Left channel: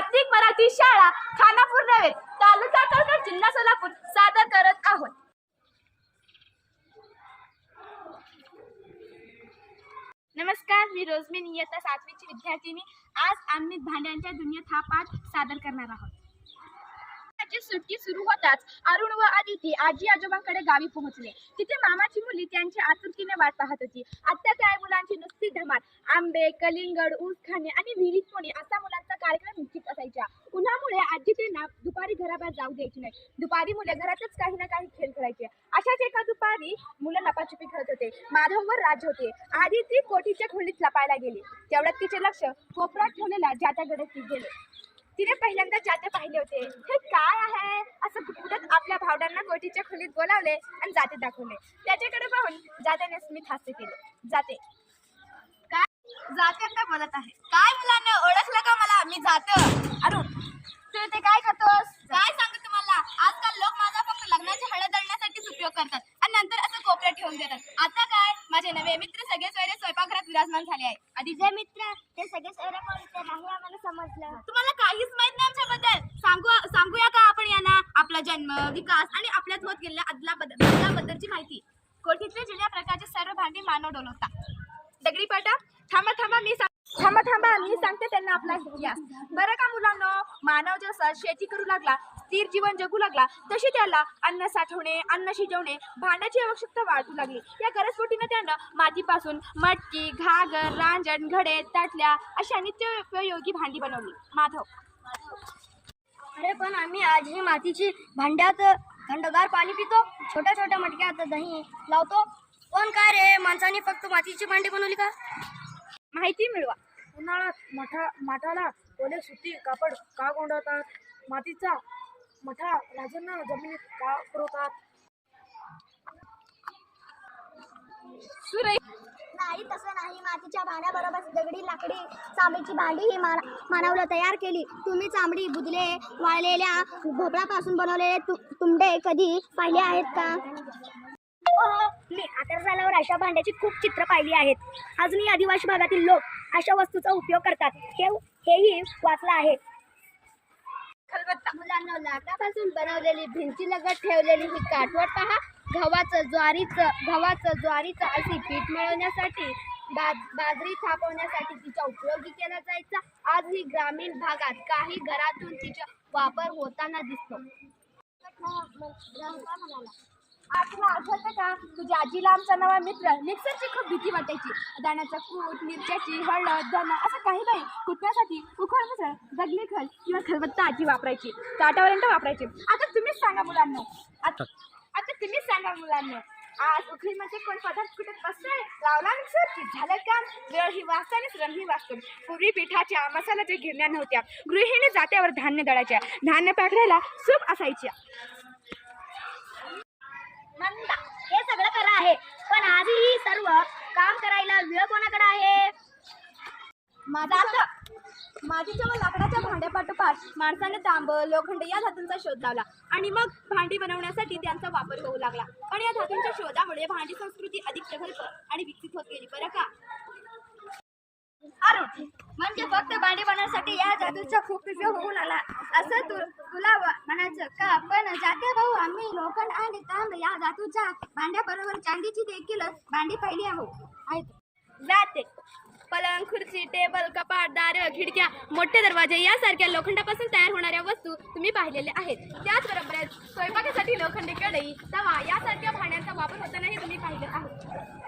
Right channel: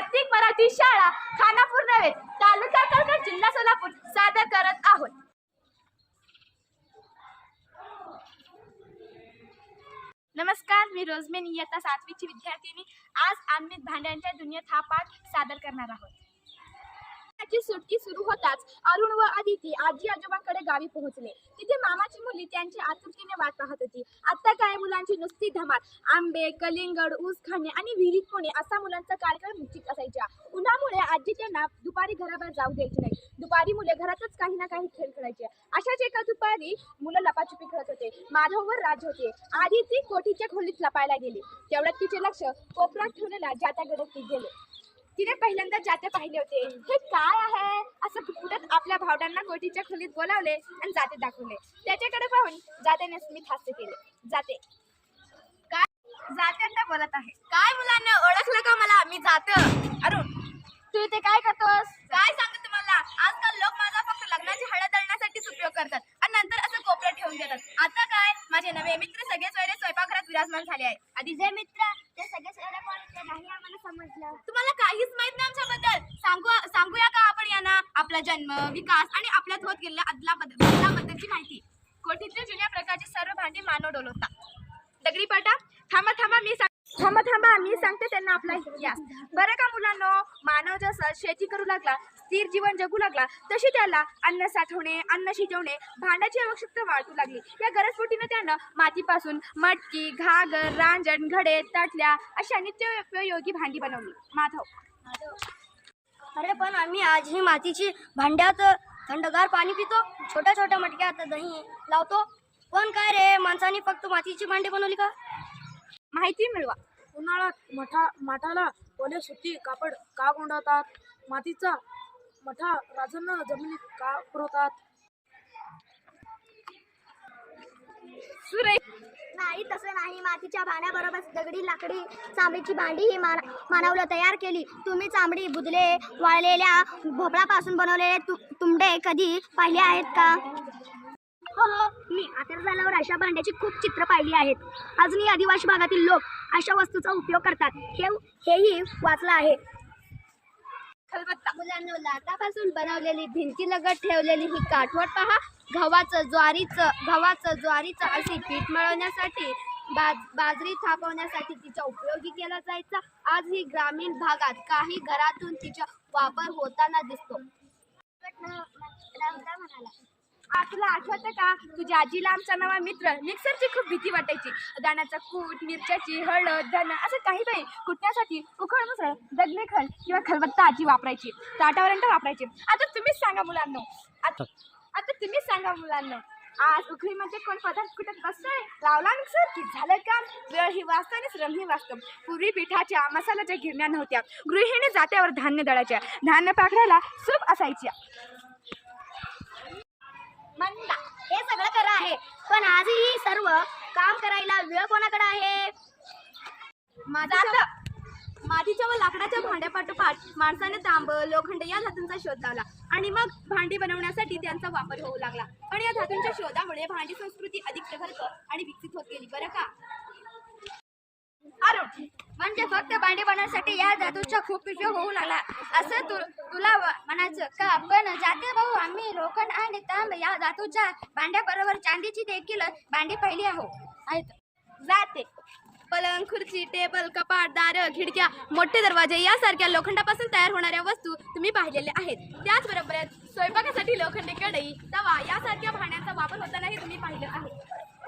कार्तिक मराठी शाळा खानापूर नव्हे तालुका कळकड जिल्हा सोलापूर सादर करत आहोत. नमस्कार मी रोजमेन इयत्ता सातवीची विद्यार्थिनी. आज आम्ही भांड्यांच्या दुनियेत हा पाठ सादर करणार आहोत. ची सुट्टी सुरू होताच अरुण व आदिती आजी आजोबांकडे गावी पोहोचले. तिथे मामाची मुली त्यांची आतुरतेने वाट पाहत होती. आता काय मुलांची नुसती धमाल आंबे कलिंगड ऊस खाणे आणि विहिरीत पोणे असा मुलांचा कार्यक्रम निश्चित असायचा. उन्हामुळे आजी त्यांना दुपारी घराबाहेर जाऊ द्यायची नाही. दुपारी मुले घरातच काही ना काही खेळ खेळायचे. अशाच एका दुपारी मुलं लपाछुपी खेळत होते. माधववर राज होते. आधी ती कोठीच्या खोलीत लपायला गेली. तेवढ्यात तिचे लक्ष कोपऱ्यात ठेवलेल्या जात्याकडे ती गेले. तिने पहिल्यांदा जाते पाहिले होते. हे काय आहे? असं पुटपुटत आपल्या भावडांना गोटीच्या खोलीत बोलावले आणि जाते दाखवले. त्याच्याकडे पाहून जात्याने स्मित हास्य केले. जाते. काय? जात्यांना बोलत आहे. काय मुलांना ओळखलं का मला? मी जात. अरुण तू इथे काय करतोस? काय सांगू तुम्हाला? आजकाल लोक माझा फक्त लग्नाची हळद दळण्यासाठीच उपयोग करतात आणि नंतर असं कोपऱ्यात ठेवून देतात. आता काय? माझे नवे मित्र सगळे सोयरे स्वयंपाकघरात विराजमान झाले आहे. आधी जे मित्र ते सगळे सोयरा तुम्हाला काहीच माहीत नाही आमच्याबद्दल. सांगू सांगूया का आपण यांना? आपला जन्म विकास आणि आपल्यात होत गेलेल्या अदला बदलाबद्दलची माहिती. कोठीतल्या जुन्या प्रकारचे सर्व भांडी मानव डोलवता दगडी पाटा थांबा थांबा मी थांबा थांबा. मी सांगते त्यांना आपला इतिहास. बरं का मुलांनो? मानव जसं शेती करू लागला स्थिर जीवन जगू लागला तशी त्याला अन्न साठवणे अन्न शिजवणे भांड्याची आवश्यकता वाढू लागली. या गरजपोटीनं त्यानं मातीपासून मटकी घागर रांजण घडे ताटल्या अशा नित्योपयोगी भांडी बनवली. माधव. अरे पण आम्ही आजही मातीची भांड्यात थंडगार पाणी पितो. छोट्या छोट्या मटक्यात दही लावतो. पण काय रे माणसाने फक्त मातीची भांडी बनवली का? माहिती मिळवा. उन्हाळ्यात मठा माठाला ओले सुती कापड का गोंडवतात? मातीचा मठा राजन जमिनीत का पुरवतात? सुरे नाही तसं नाही. मातीच्या भांड्याबरोबर दगडी लाकडी चांबडीची भांडी ही मान मानवलं तयार केली. तुम्ही चांबडी बुदले वाळलेल्या भोपळापासून बनवलेले तु तुंबडे कधी पाहिले आहेत का? मी आता झाल्यावर अशा भांड्याची खूप चित्र पाहिली आहेत. अजूनही आदिवासी भागातील लोक अशा वस्तूचा उपयोग करतात. हे हेही वाचलं आहे. मुलांना लाटापासून बनवलेली भिंती लगत ठेवलेली ही काठवट पहा. गव्हाचं ज्वारीचं गव्हाचं ज्वारीचं अशी पीठ मिळवण्यासाठी बाज बाजरी थापवण्यासाठी तिचा उपयोगी केला जायचा. आजही ग्रामीण भागात काही घरातून तिचा वापर होताना दिसतो. म्हणाला तुला आठवतं का? तुझ्या आजीला आमचा नवा मित्र मिक्सरची खूप भीती वाटायची. दाण्याचं कूट मिरच्याची हळद धन असं काही नाही. कुटण्यासाठी उखळ मुसळ दगलेखल किंवा खलबत्ता आजी वापरायची. ताटावरंट वापरायची. आता तुम्हीच सांगा मुलांना. आता आता तुम्हीच सांगा मुलांना. आज उखळीमध्ये कोण पदार्थ कुठे बसतोय? लावला मिक्सर? की झालं काम वेळ ही वाचतो आणि श्रम ही वाचतो. पूर्वी पिठाच्या मसाल्याच्या गिरण्या नव्हत्या. गृहिणी जात्यावर धान्य दळायच्या. धान्य पाकडायला सूप असायच्या. मंदा. हे सगळं खरं आहे. पण आजही सर्व काम करायला वेळ कोणाकडे आहे? माझा मातीच्या व लाकडाच्या भांड्यापाठोपाठ माणसाने तांब लोखंड या धातूंचा शोध लावला. आणि मग भांडी बनवण्यासाठी त्यांचा वापर होऊ लागला. पण या धातूंच्या शोधामुळे भांडी संस्कृती अधिक प्रगल्भ आणि विकसित होत गेली. बरं का? म्हणजे फक्त भांडी बनवण्यासाठी या जादूचा खूप उपयोग होऊ लागला. असं तु तुला म्हणायचं का? पण जाते भाऊ आम्ही लोखंड आणि तांब या धातूच्या भांड्याबरोबर चांदीची देखील भांडी पहिली आहो. आहेत. जाते. पलंग खुर्ची टेबल कपाट दार खिडक्या मोठे दरवाजे यासारख्या लोखंडापासून तयार होणाऱ्या वस्तू तुम्ही पाहिलेल्या आहेत. त्याचबरोबर स्वयंपाकासाठी लोखंडी कढई तवा यासारख्या भांड्यांचा वापर होतानाही तुम्ही पाहिले आहे.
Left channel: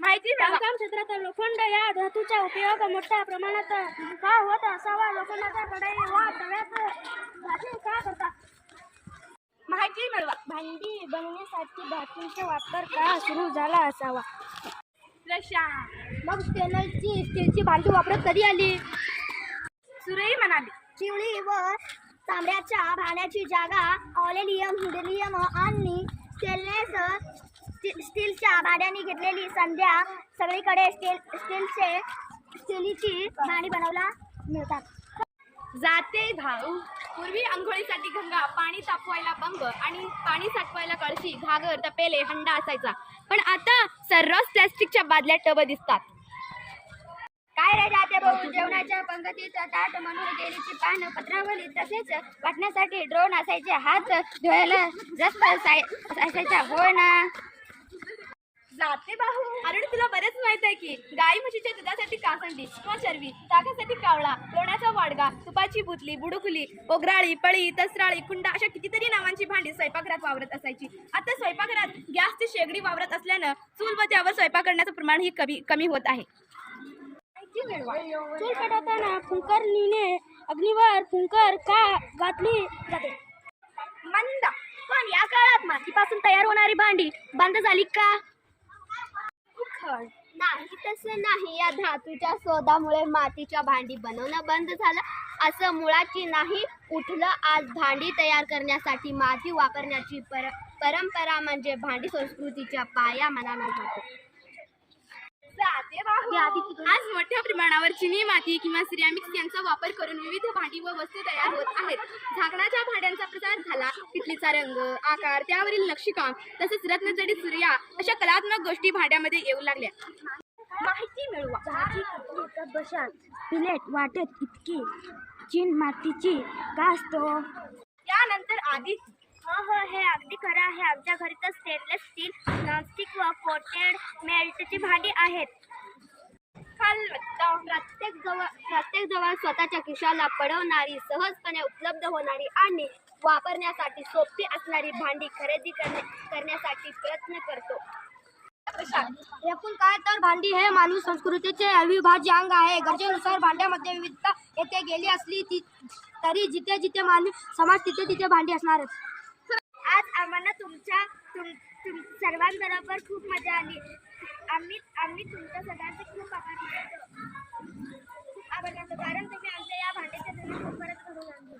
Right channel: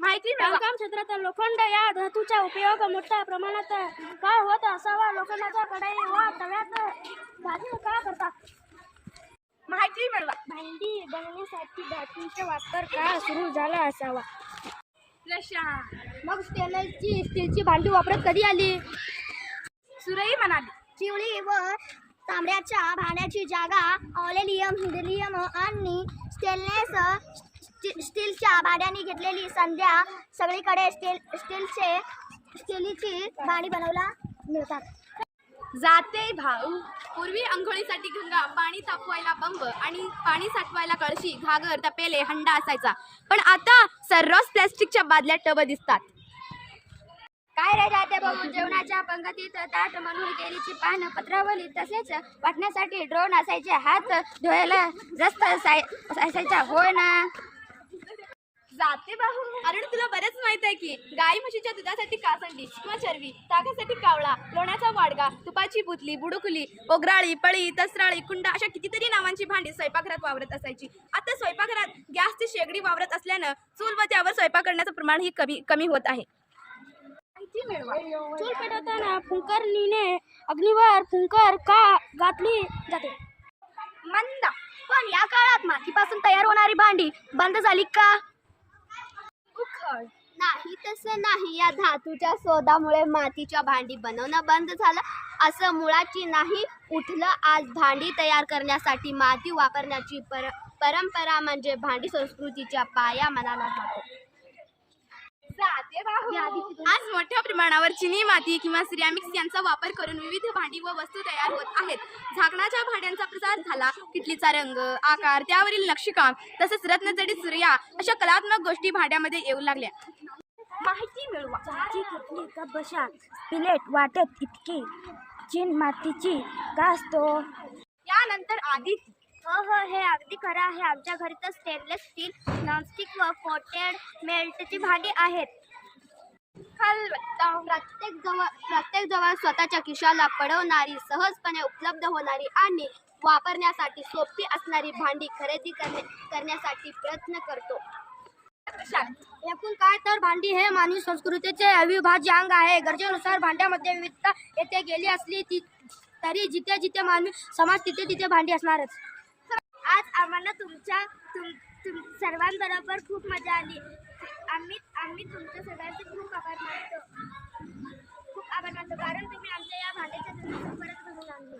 माहिती बांधकाम क्षेत्रात लोखंड या धातूचा उपयोग मोठ्या प्रमाणात का होत असावा? लोखंडाच्या कढई व तव्यात भाजी का करतात माहिती मिळवा. भांडी बनवण्यासाठी धातूंचा वापर का सुरू झाला असावा? प्रशांत मग स्टेनची स्टीलची भांडी वापरत कधी आली? सुरई म्हणाली. चिवळी व तांब्याच्या भांड्याची जागा ऑलेलियम हिलियम आणि स्टेनलेस स्टी- स्टीलच्या भांड्याने घेतलेली संध्या सगळीकडे स्टील स्टीलचे स्टीलची भांडी बनवला मिळतात. जाते भाऊ. पूर्वी आंघोळीसाठी गंगा पाणी तापवायला बंब आणि पाणी साठवायला कळशी घागर तपेले हंडा असायचा. पण आता सर्रास प्लॅस्टिकच्या बादल्या टब दिसतात. काय रे राजा भाऊ? जेवणाच्या पंगतीत ताट म्हणून केलीची पानं पत्रावली तसेच वाटण्यासाठी ड्रोन असायचे. हात धुवायला रस्त असाय- असायचा. होय ना. जाते बाहू. अरे तुला बरेच माहीत आहे की गाई म्हशीच्या दुधासाठी कासंडी किंवा चरवी ताकासाठी कावळा लोण्याचा वाडगा तुपाची बुतली बुडुकुली ओगराळी पळी तसराळी कुंडा अशा कितीतरी नावांची भांडी स्वयंपाकघरात वावरत असायची. आता स्वयंपाकघरात गॅसची शेगडी वावरत असल्यानं चूल व त्यावर स्वयंपाक करण्याचं प्रमाण ही कमी कमी होत आहे. चूल पेटवताना फुंकरणीने अग्नीवर फुंकर का घातली जाते? मंद. पण या काळात मातीपासून तयार होणारी भांडी बंद झाली का? नाही तसं नाही. या धातूच्या शोधामुळे मातीच्या भांडी बनवणं बंद झालं. असं मुळाची नाही उठलं आज भांडी तयार करण्यासाठी माती वापरण्याची पर परंपरा म्हणजे भांडी संस्कृतीच्या पाया मनाला जातो आज मोठ्या प्रमाणावर चिनी माती किंवा सिरॅमिक्स यांचा वापर करून विविध भांडी व वस्तू तयार होत आहेत. झाकणाच्या भांड्यांचा प्रसार झाला. तिथलीचा रंग आकार त्यावरील नक्षीकाम तसेच रत्नजडीत सूर्या अशा कलात्मक गोष्टी भांड्यामध्ये येऊ लागल्या. माहिती मिळवा. चहाची किटली प्लेट वाटत इतकी? चीन मातीची का असतो? यानंतर आधी हो हो हे अगदी खरं आहे. आमच्या घरी तर स्टेनलेस स्टील नॉनस्टिक व कोटेड मेल्टची भांडी आहेत. खलबत्ता प्रत्येक जवळ प्रत्येक जवळ स्वतःच्या खिशाला पडवणारी सहजपणे उपलब्ध होणारी आणि वापरण्यासाठी सोपी असणारी भांडी खरेदी करणे करण्यासाठी प्रयत्न करतो. एकूण काय तर भांडी हे मानवी संस्कृतीचे अविभाज्य अंग आहे. गरजेनुसार भांड्यामध्ये विविधता येथे गेली असली ती तरी जिथे जिथे मानवी समाज तिथे तिथे भांडी असणारच. आज आम्हाला तुमच्या तुम तुम सर्वांबरोबर खूप मजा आली. आम्ही आम्ही तुमच्या सगळ्यांचे खूप आभार मानतो. खूप आभार मानतो. कारण तुम्ही आमच्या या भांड्याच्या परत घडून आणली.